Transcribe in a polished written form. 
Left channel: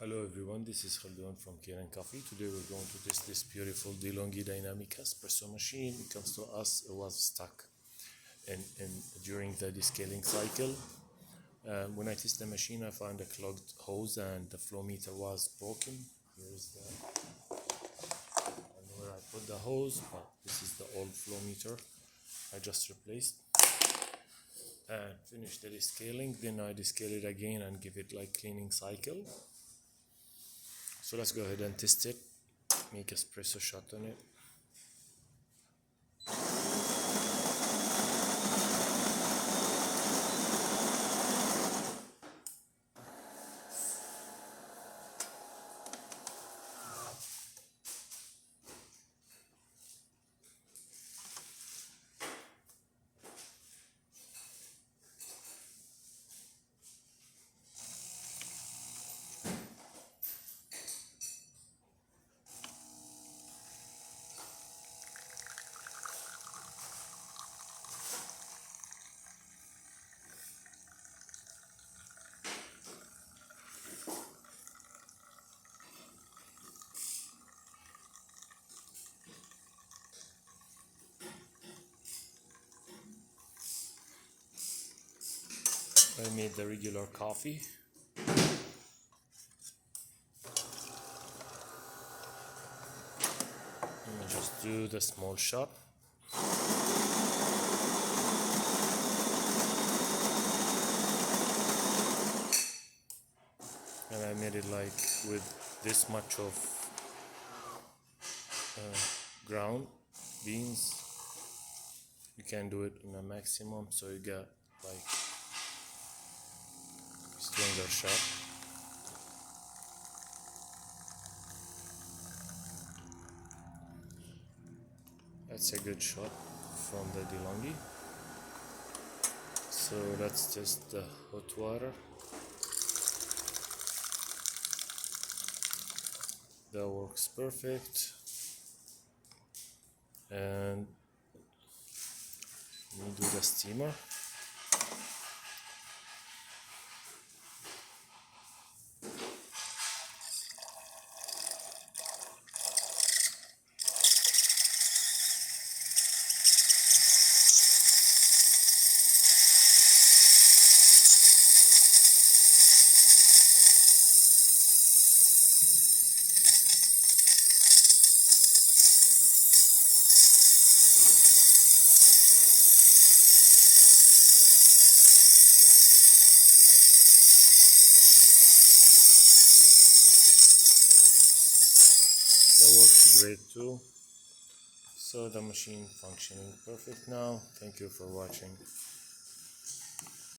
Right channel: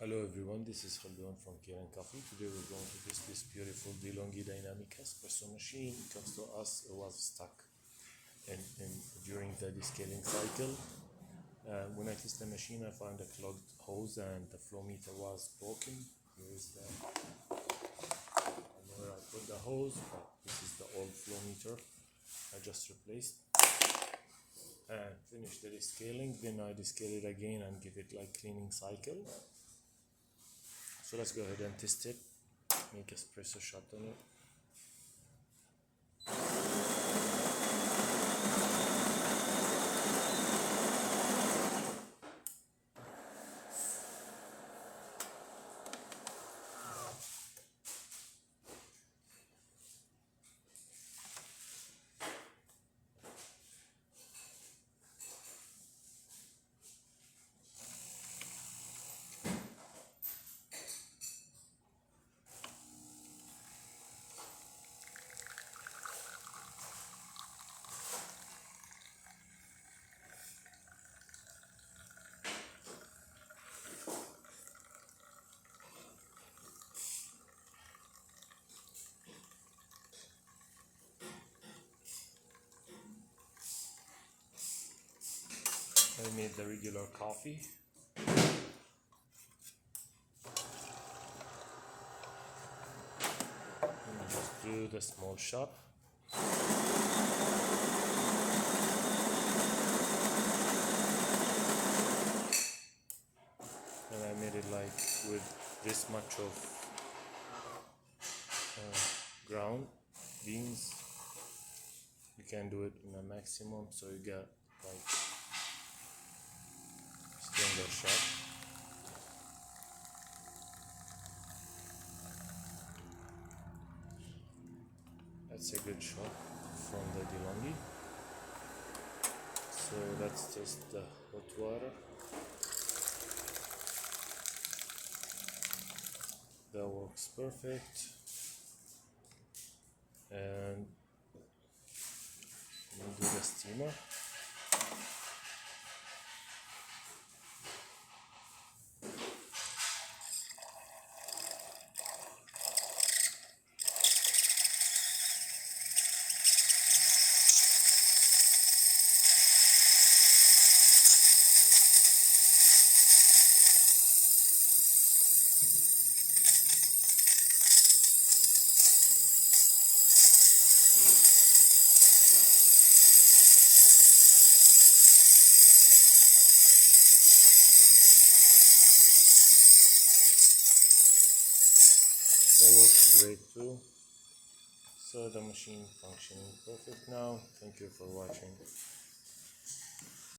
Hello everyone, this is Khaldoon from Kanen Coffee. Today we're going to test this beautiful DeLonghi Dinamica espresso machine. It comes to us, it was stuck during the descaling cycle. When I test the machine, I found a clogged hose and the flow meter was broken. Here's where I put the hose, but this is the old flow meter I just replaced. And finish the descaling, then I descale it again and give it like cleaning cycle. So let's go ahead and test it, make espresso shot on it. I made the regular coffee. And just do the small shot. And I made it like with this much of ground beans. You can do it in a maximum, so you get like stronger shot. That's a good shot from the DeLonghi. So let's test the hot water. That works perfect. And we'll do the steamer. That works great too. So the machine functioning perfect now. Thank you for watching.